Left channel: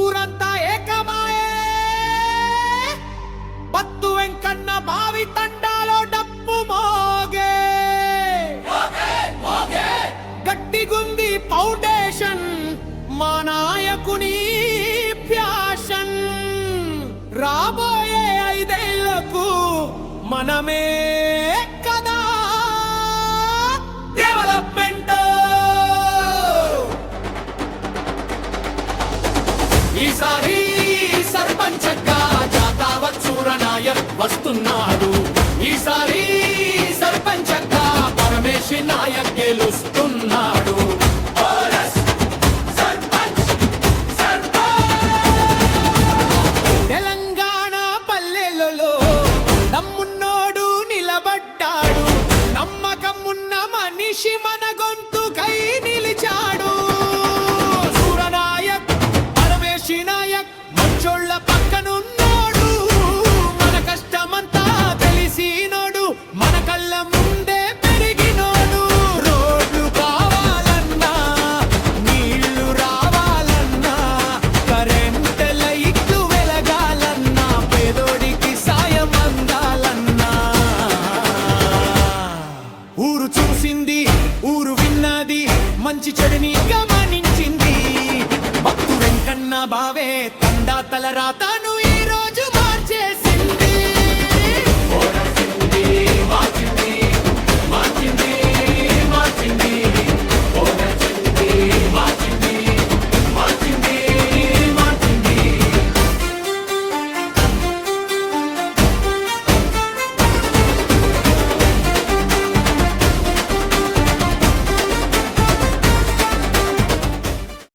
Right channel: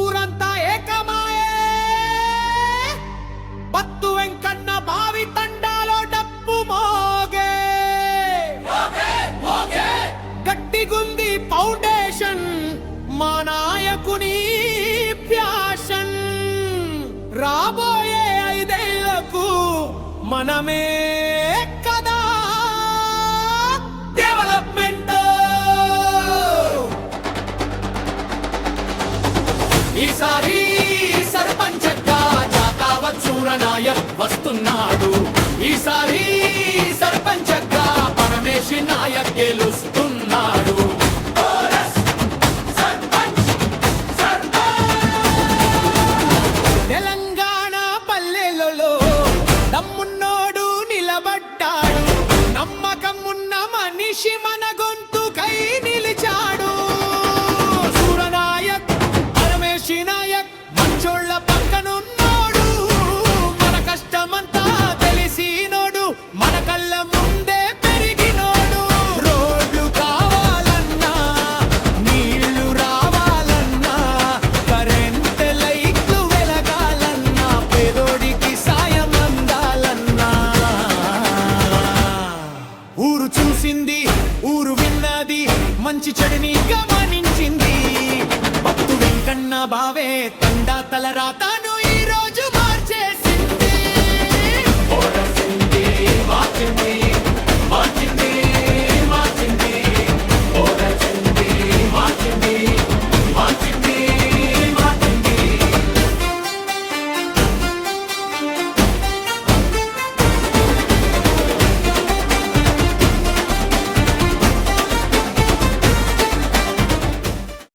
ఊరంతా ఏకమాయే బత్తు వెంకన్న బావి తండాలో డప్పు మోగే గట్టిగుంది ఫౌండేషన్ మా నాయకుని ప్యాషన్ రాబోయే 5 ఏళ్లకు మనమే కదా డెవలప్మెంట్. ఈసారి సర్పంచగా జాతావత్ సూరనాయక్ వస్తున్నాడు. ఈసారి సర్పంచగా పరమేశి నాయక్ గెలుస్తున్నాడు. తెలంగాణ పల్లెలలో దమ్మున్నోడు నిలబడ్డాడు. నమ్మకం ఉన్న మనిషి మన గొంతుకై నిలిచాడు. సూరనాయక్ పరమేశి నాయక్ మంచోళ్ళ పక్కనున్నోడు. మన కష్టమంతా తెలిసినోడు. మన కళ్ళ ముందే పెరిగినోడు. రోడ్లు కావాలన్నా, నీళ్లు రావాలన్నా, కరెంట్ లైట్లు వెలగాలన్నా, పేదోడికి సాయం అందాలన్నా, ఊరు చూసింది, ఊరు విన్నది, మంచి చెడుని గమనించింది. భక్తు వెంకన్న బావే తండా తల రాతాను.